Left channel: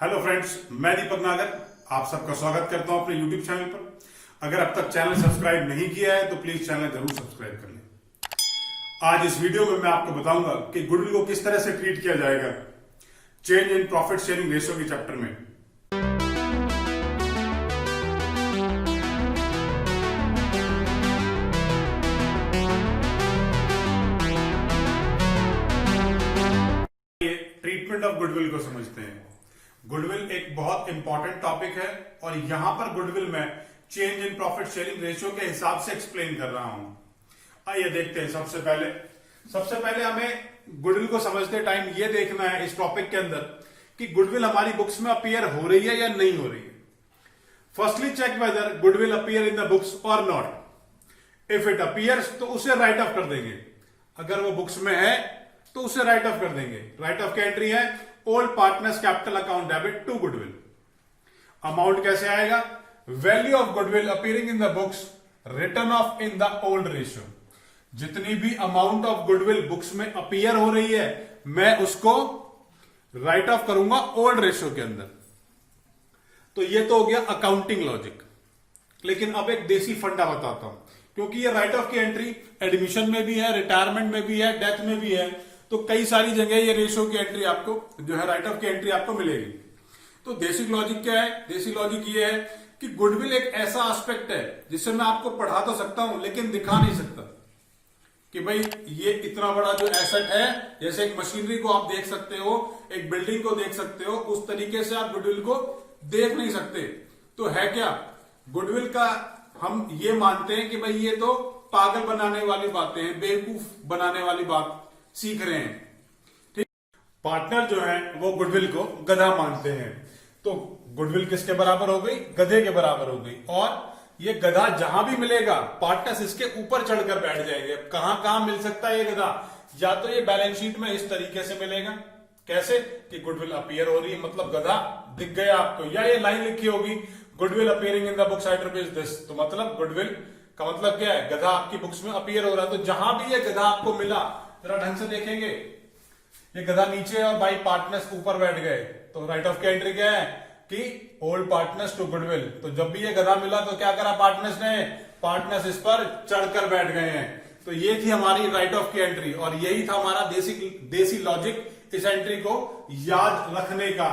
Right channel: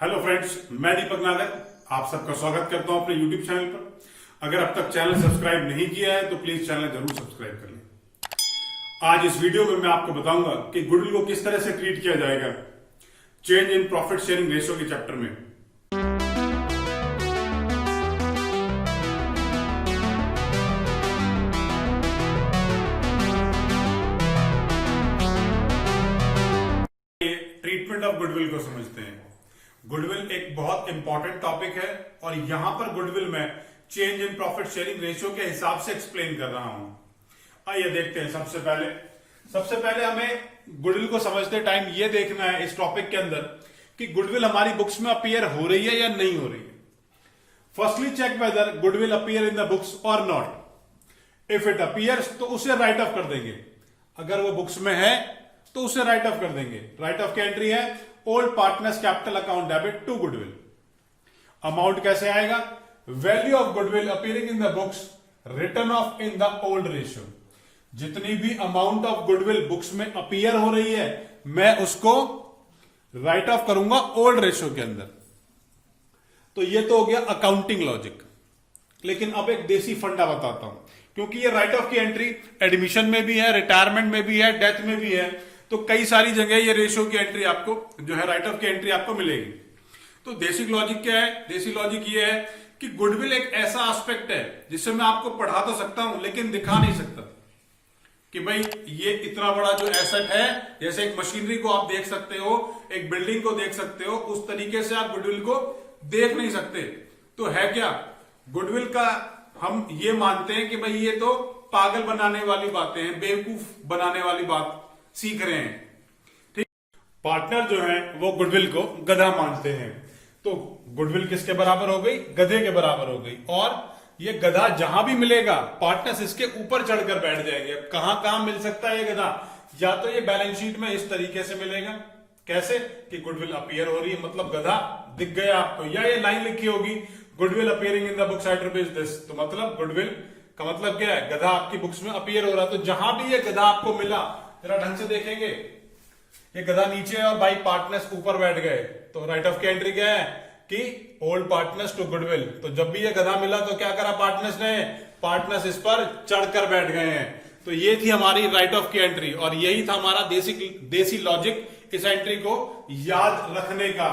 Hello friends, मैं दीपक नागर आप सबका स्वागत करता हूं अपने यूट्यूब चैनल पर। अगर अब तक चैनल सब्सक्राइब नहीं किया है तो प्लीज चैनल जरूर सब्सक्राइब कर लें। आज इस वीडियो में मैं आपको बताऊंगा कि गुडविल को किस तरह से ट्रीट किया जाएगा change in profit sharing ratio के चैप्टर में। ट्रीटमेंट ऑफ गुडविल को समझते हैं। गुडविल एक बहुत इंपॉर्टेंट टॉपिक है और यहां पर गुडविल में change in profit sharing ratio के हिसाब से एक्सप्लेन कर रहा हूं। आइए देखते हैं। सबसे पहले हमें गुडविल को समझते टाइम ये देखना है इस टॉपिक के अंदर कि गुडविल हमारी बुक्स में अपीयर हो रही है या नहीं हो रही है। Firstly check whether goodwill appear in the books और नॉट। इफ इट अपीयर्स तो उसे राइट ऑफ कर देंगे। अगर वो बुक्स में है तो उसे राइट ऑफ कर देंगे। राइट ऑफ की एंट्री है old partners capital account debit to goodwill. Amount कैसे आएगा? Value of goodwill appearing in the books return of in the old ratio. जितनी भी अमाउंट ऑफ गुडविल बुक्स में अपीयर हो रही है मैं उसको राइट ऑफ करूंगा ओल्ड रेशियो के अंदर। तो ये तो हो गया अकाउंटिंग लॉजिक। लेकिन अब एक देसी फंडा बताता हूं, क्योंकि ये राइट ऑफ की एंट्री एडमिशन में भी है, रिटायरमेंट में भी है, डेथ में भी है, तो कई सारी जगह ये रेशियो की एंट्री आपको जो है राइट ऑफ की एंट्री आपको मिलेगी। तो देसी लॉजिक क्या है? देसी लॉजिक ये है कि गुडविल एक ऐसा एस्पेक्ट है जिससे मैं आपको पढ़ा तो सकता हूं लेकिन दिखा नहीं सकता कि भाई ये इतना बड़ा जो एसेट है, जैसे एक मशीनरी को आप देख सकते हो, एक बिल्डिंग को देख सकते हो, उस तरीके से आप गुडविल को देख नहीं सकते। तो है क्या गुडविल का? हम ये मानते हैं कि भाई ये तो पागल बनाने वाली बातें हैं, बेवकूफ बनाने वाली बात सीख रहे हैं। ठीक। पार्टनर जो है वो गुडविल को गधा मानते हैं। तो गुडविल किसके बराबर हो गई? गधे के बराबर हो गई। और ये गधा जहां भी मिलेगा पार्टनर्स इसके ऊपर चढ़कर बैठ जाएंगे। कहां मिल सकता है ये गधा? या तो ये बैलेंस शीट में इस तरीके से मिलेगा, कैसे कि गुडविल अपीयर हो रही है मतलब गधा दिख गया आपको, या ये लाइन लिखी होगी goodwill appearing in the books at rupees this, तो मतलब गुडविल का मतलब क्या है? गधा आपकी बुक्स में अपीयर हो रहा है। तो जहां भी ये गधा आपको मिला जरा ढंग से देखेंगे, ये गधा नीचे और बाई पार्टनर्स ऊपर बैठ गए, तो राइट ऑफ की एंट्री क्या है कि ओल्ड पार्टनर्स टू गुडविल। तो जब भी ये गधा मिला तो क्या करा पार्टनर्स ने? पार्टनर्स इस पर चढ़कर बैठ गए हैं। तो ये थी हमारी राइट ऑफ की एंट्री और यही था हमारा देसी लॉजिक इस एंट्री को याद रखने का।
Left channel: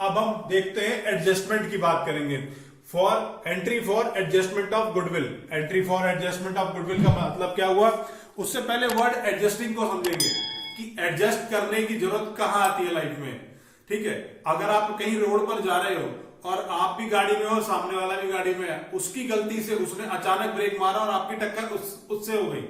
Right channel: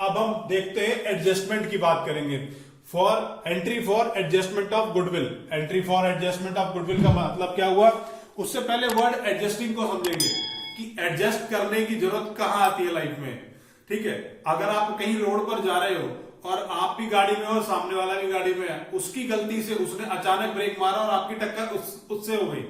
अब हम देखते हैं एडजस्टमेंट की बात करेंगे। Entry for adjustment of goodwill. Entry for adjustment of goodwill का मतलब क्या हुआ? उससे पहले वर्ड एडजस्टिंग को समझेंगे कि एडजस्ट करने की जरूरत कहां आती है लाइफ में। ठीक है, अगर आप कहीं रोड पर जा रहे हो और आप भी गाड़ी में हो, सामने वाला भी गाड़ी में है, उसकी गलती से उसने अचानक ब्रेक मारा और आपकी टक्कर उससे हो गई,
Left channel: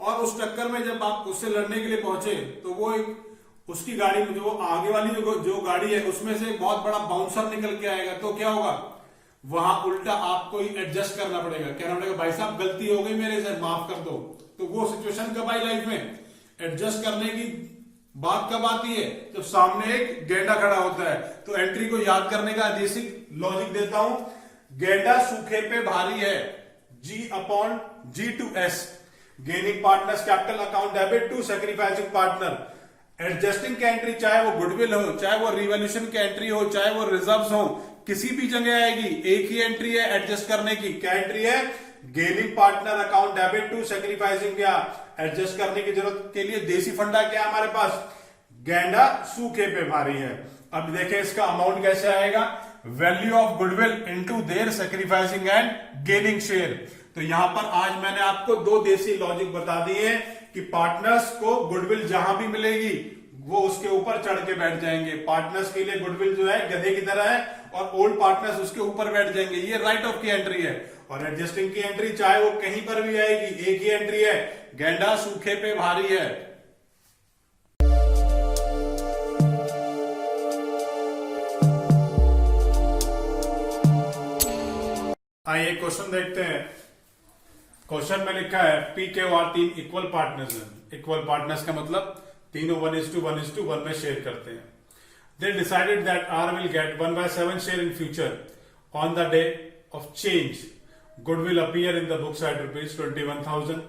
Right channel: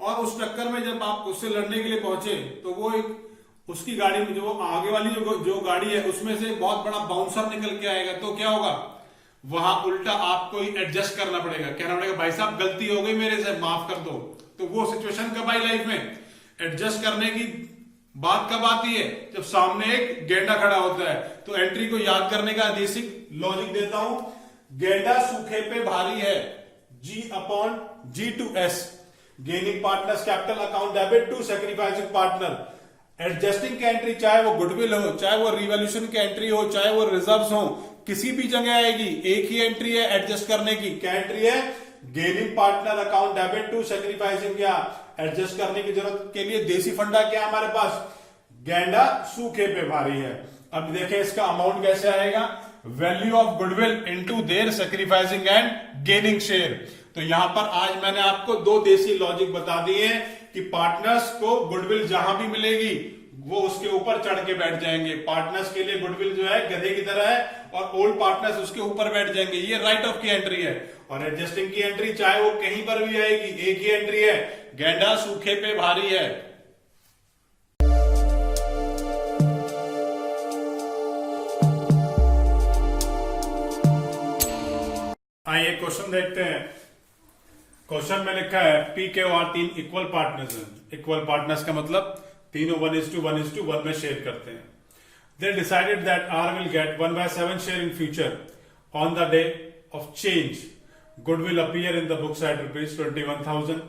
और उस टक्कर में जब आप उससे लड़ने के लिए पहुंचे तो वो एक उसकी गाड़ी में जो आगे वाली जो गाड़ी है उसमें से बहुत बड़ा बाउंसर निकल के आएगा, तो क्या होगा? वहां उल्टा आपको ही एडजस्ट करना पड़ेगा, कहना पड़ेगा भाई साहब गलती हो गई मेरे से, माफ कर दो। तो वो सिचुएशन कब आई लाइफ में? एडजस्ट करने की बात कब आती है? जब सामने एक गेंडा खड़ा होता है। तो एंट्री को याद करने का बेसिक लॉजिक देता हूं। गेंडा सूखे पे भारी है, G/G/S। Gaining partners capital account debit to sacrificing partner. Adjusting की एंट्री चाहे वो गुडविल हो, चाहे वो रिवॉल्यूशन की एंट्री हो, चाहे वो रिजर्व्स हो, किसी भी जगह आएगी एक ही एंट्री है एडजस्ट करने की। क्या एंट्री है? Gaining partner account debit to sacrificing. क्या एडजस्ट करने की जरूरत के लिए देसी फंडा क्या है हमारे पास? गेंडा सूखे पे भारी है। अब देखें इसका अमाउंट कैसे आएगा? Value of goodwill into their sacrificing and gaining share. तो यहां पर आज मैंने आपको दो देसी लॉजिक बता दिए कि पार्टनर्स को गुडविल जहां भी मिलेगी वो उसके ऊपर चढ़ के बैठ जाएंगे। पार्टनर्स के लिए गुडविल जो है गधे की तरह है और ओल्ड पार्टनर्स उसके ऊपर बैठ जाएंगे। ये राइट ऑफ की एंट्री है। और एडजस्टिंग की एंट्री चाहे वो कहीं पर भी आएगी एक ही एंट्री है, गेंडा सूखे पे भारी है। आइए क्वेश्चन देखते हैं। क्वेश्चन में लिखा है PQR 3 इक्वल पार्टनर्स हैं। इक्वल पार्टनर्स का मतलब तीनों 1:1:1 में शेयर करते हैं। They decided that R will get 1/7 share in future. On the day of change, goodwill appear in the books at ₹21,000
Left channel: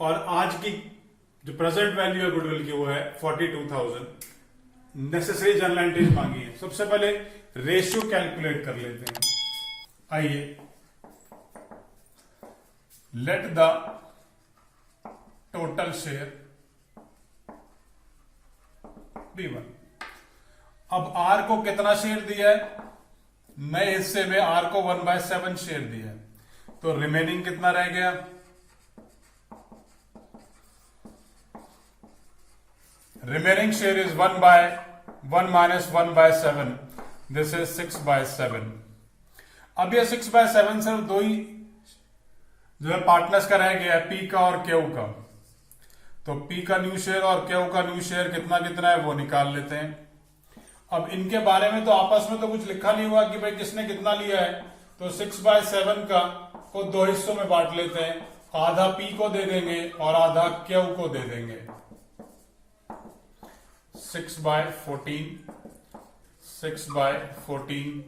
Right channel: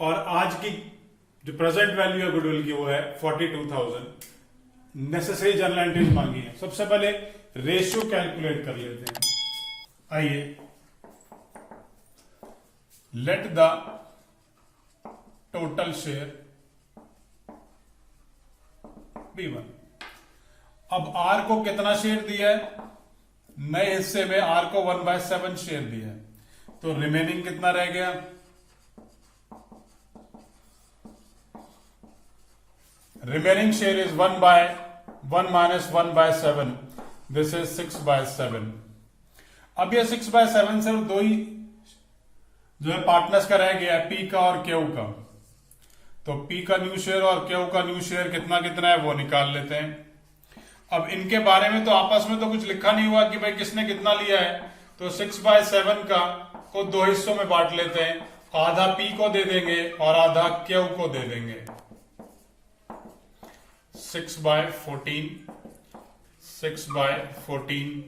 और आज की जो प्रेजेंट वैल्यू है गुडविल की वो है 42,000। नेसेसरी जर्नल एंट्रीज मांगी है। सबसे पहले रेशियो कैलकुलेट कर लेते हैं। आइए, let the total share be one. अब आर को कितना शेयर दिया है? नए हिस्से में आर को 1/7 शेयर दिया है, तो रिमेनिंग कितना रह गया? Remaining share is 1/1 minus 1/7, this is 6/7। अब ये 6/7 सर दो ही जो है पार्टनर्स का रह गया है, पी का और क्यू का। तो पी का न्यू शेयर और क्यू का न्यू शेयर कितना कितना है वो निकाल लेते हैं। अब इनके बारे में तो आपस में तो कुछ लिखा नहीं हुआ कि भाई किसने कितना लिया है, तो 6/7 का को दो हिस्सों में बांट लेते हैं, आधा पी को दे देंगे और आधा क्यू को दे देंगे। 6/14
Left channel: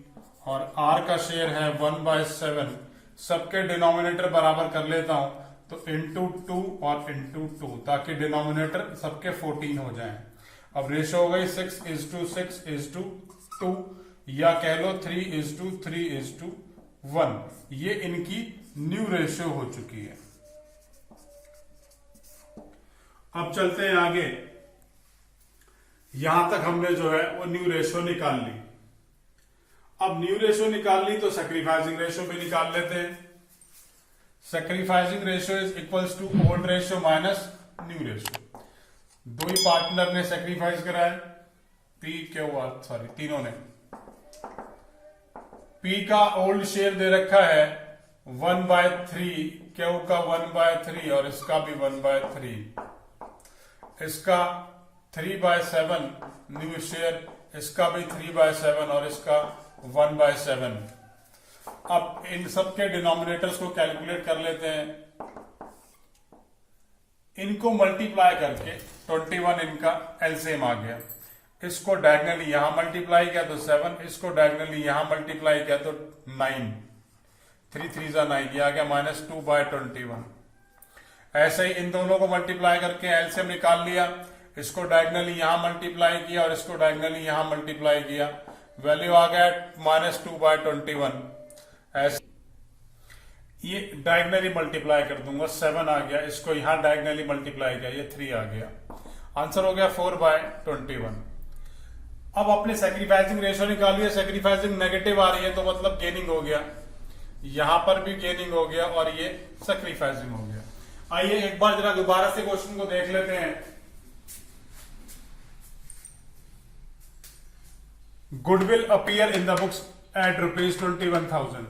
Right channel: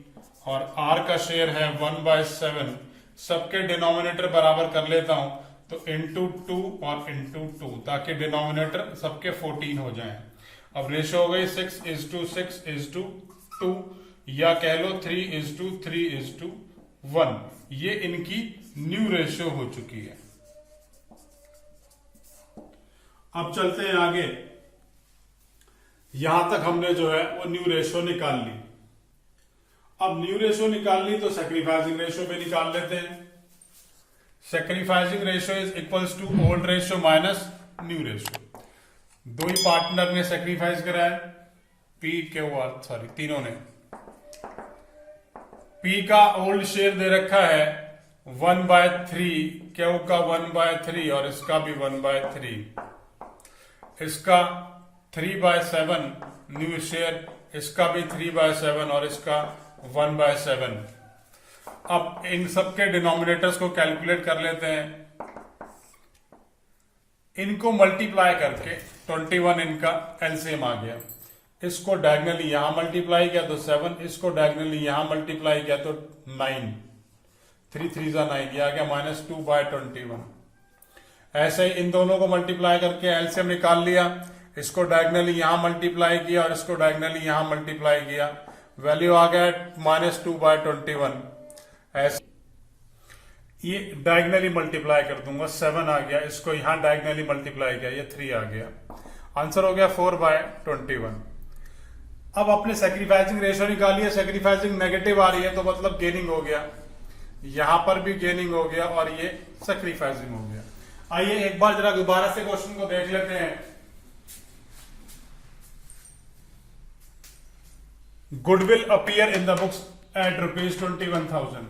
और आर का शेयर है 1/7। सबके डिनोमिनेटर बराबर कर लेता हूं, तो इंटू 2 और इंटू 2, ताकि डिनोमिनेटर सबके 14 हो जाएं। अब रेशो हो गई 6:6:2, या कह लो 3:3:1। ये इनकी न्यू रेशियो हो चुकी है। अब चलते हैं आगे। यहां तक हमने जो है वो न्यू रेशियो निकाल ली। अब न्यू रेशियो निकाल ली तो सैक्रिफाइसिंग रेशियो भी निकाल लेते हैं। Sacrificing ratio is equals to old ratio minus new ratio. दो ही पार्टनर ने सैक्रिफाइस करा है, पी क्यू आर, सॉरी तीनों ने। पी का ओल्ड शेयर दे रखा है 1/3, क्यू का 1/3 और इसका भी 1/3। इसका 3/7 न्यू शेयर, इसका भी 3/7 और इसका 1/7। अब इन सबके डिनोमिनेटर्स को कैलकुलेट कर लेते हैं। इनको मल्टीप्लाई करके 21 इनका एलसीएम आ गया। इसको डायगनली यहां मल्टीप्लाई किया तो 7, इसको डायगनली यहां मल्टीप्लाई किया तो 9, 3 3 9, ये आ गया -2/21। ऐसे ही इन दोनों को मल्टीप्लाई करके एलसीएम निकाल लिया। इसको डायगनली यहां मल्टीप्लाई किया और इसको डायगनली यहां मल्टीप्लाई किया, वैल्यू आ गया -2/21। ऐसे ये डायगनली मल्टीप्लाई कर दूंगा, 7 आ गया। इसको यहां डायगनली मल्टीप्लाई किया, ये 3 आ गया। आंसर हो गया 4/21। अब अपने सैक्रिफाइसिंग रेशियो निकालिए। सैक्रिफाइसिंग नेगेटिव आ रही है तो मतलब गेनिंग हो गया, यहां पर भी गेनिंग हो गया और ये सैक्रिफाइसिंग हो गया। आइए एक बार जरा दोबारा से क्वेश्चन को देख लेते हैं। Goodwill appear in the books at ₹21,000।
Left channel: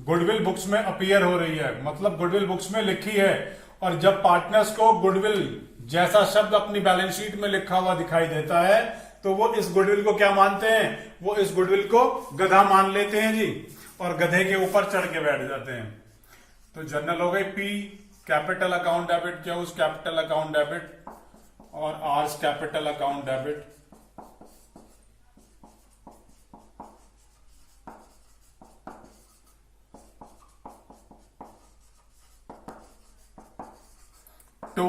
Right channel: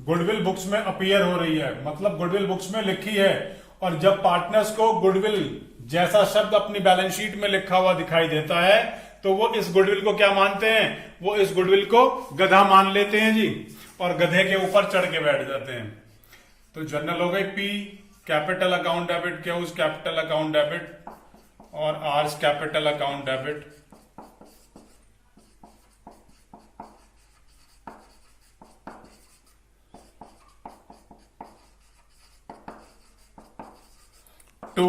Goodwill books में अपीयर हो रही है, मतलब गुडविल बुक्स में लिखी है। और जब पार्टनर्स को गुडविल जैसा शब्द अपनी बैलेंस शीट में लिखा हुआ दिखाई देता है तो वो इस गुडविल को क्या मानते हैं? वो इस गुडविल को गधा मान लेते हैं जी, और गधे के ऊपर चढ़ के बैठ जाते हैं। तो जनरल हो गई P capital account debit, Q's capital account debit और R's capital account debit. To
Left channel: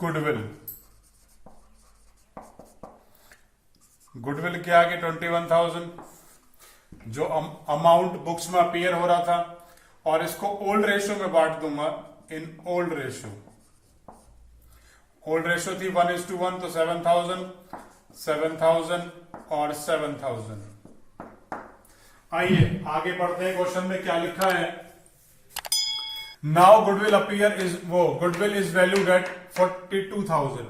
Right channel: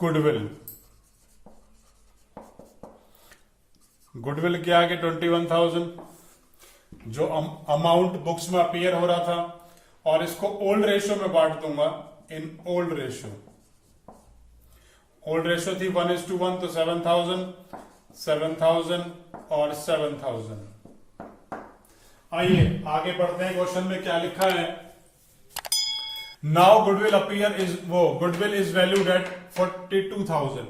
goodwill, goodwill क्या आगे 21,000 जो अमाउंट बुक्स में अपीयर हो रहा था, और इसको ओल्ड रेशियो में बांट दूंगा in old ratio. Old ratio थी 1:1 तो 7,000 और 7,000। आइए आगे बढ़ते हैं। क्वेश्चन में क्या लिखा है? Now goodwill appear is goodwill is valued at 42,000।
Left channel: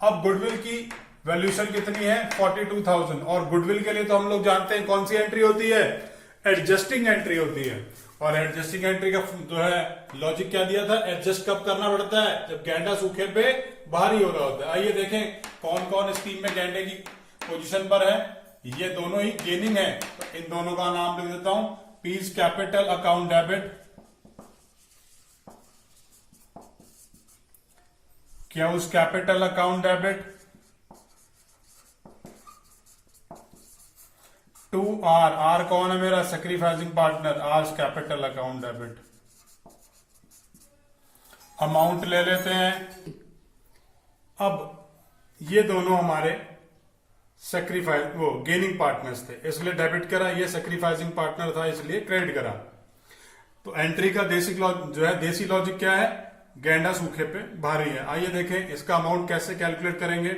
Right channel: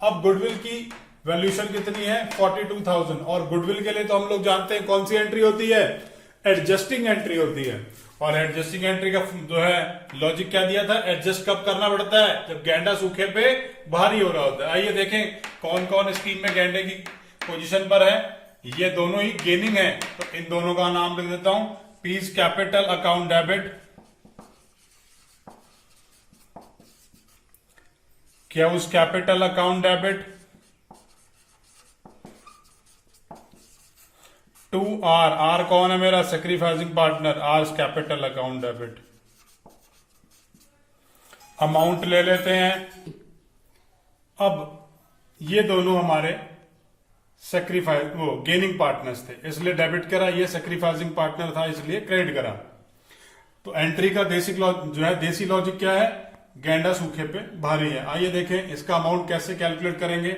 अब गुडविल की वैल्यूएशन कितनी है? 42,000। और गुडविल के लिए तो हम लोग जानते हैं कौन सी एंट्री होती है? एडजस्टिंग एंट्री होती है। और एडजस्टिंग एंट्री का जो है लॉजिक क्या दिया था? एडजस्ट कब करना पड़ता है? जब गैंडा सूखे पे भारी हो रहा होता है। आइए देखें कौन कौन स्कीम में गैंडे की पोजीशन पर है। ये दोनों ही गेनिंग है, तो इन दोनों का नाम लिख देता हूं। P's capital account debit, Q's capital account debit, to R, R कौन है मेरा? Sacrificing partner, R's capital account debit. Amount ले लेते हैं। अब ये दोनों हमारे सेक्रीफाइस वो गेनिंग पार्टनर्स थे इसलिए डेबिट करा, ये सेक्रीफाइसिंग पार्टनर था इसलिए क्रेडिट करा। तो एंट्री का देसी लॉजिक क्या है, गेंडा सूखे पे भारी है। आइए देखें इसका अमाउंट कैसे कैलकुलेट करेंगे।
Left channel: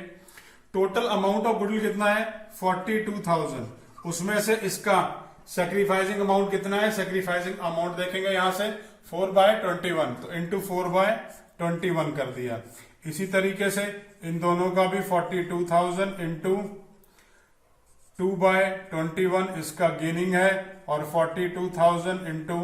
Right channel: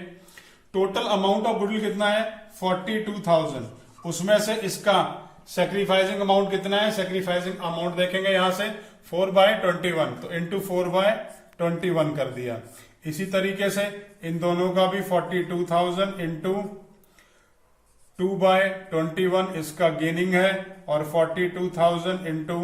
टोटल अमाउंट ऑफ गुडविल कितना है 42,000, उसमें से इसका सेक्रीफाइसिंग अमाउंट कितना है, सेक्रीफाइसिंग अमाउंट देखेंगे यहां से 4/21, तो इंटू 4/21 कर दिया। इसी तरीके से इन दोनों का भी 42,000 इंटू 2/21 इसका गेनिंग है और 42,000 इंटू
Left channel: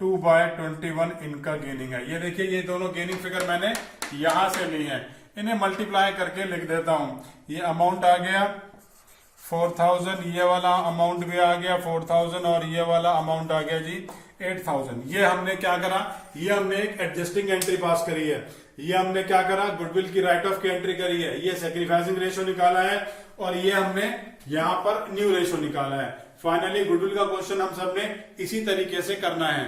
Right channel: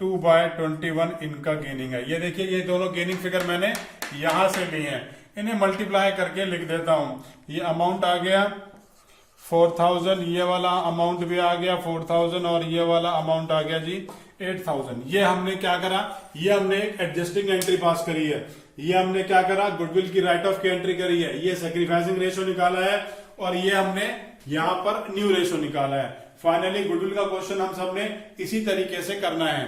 2/21 इनका गेनिंग है। ये देखिए ये दोनों गेनिंग फिगर मैंने यहां से लिए हैं, इन्हें मल्टीप्लाई करके लिख देता हूं। ये अमाउंट आ गया 4,000, ये वाला अमाउंट भी आ गया 4,000 और ये वाला अमाउंट आ गया जी 8,000। ये हमने क्या करा, ये हमने एक एडजस्टिंग एंट्री पास करी है। ये हमने क्या करा, गुडविल की राइट ऑफ की एंट्री करी है, ये सेक्रीफाइसिंग रेशियो निकाला है और ये हमने यहां पर न्यू रेशियो निकाला है। फाइनली गुडविल का क्वेश्चन हम सबने इसी तरीके से करना है।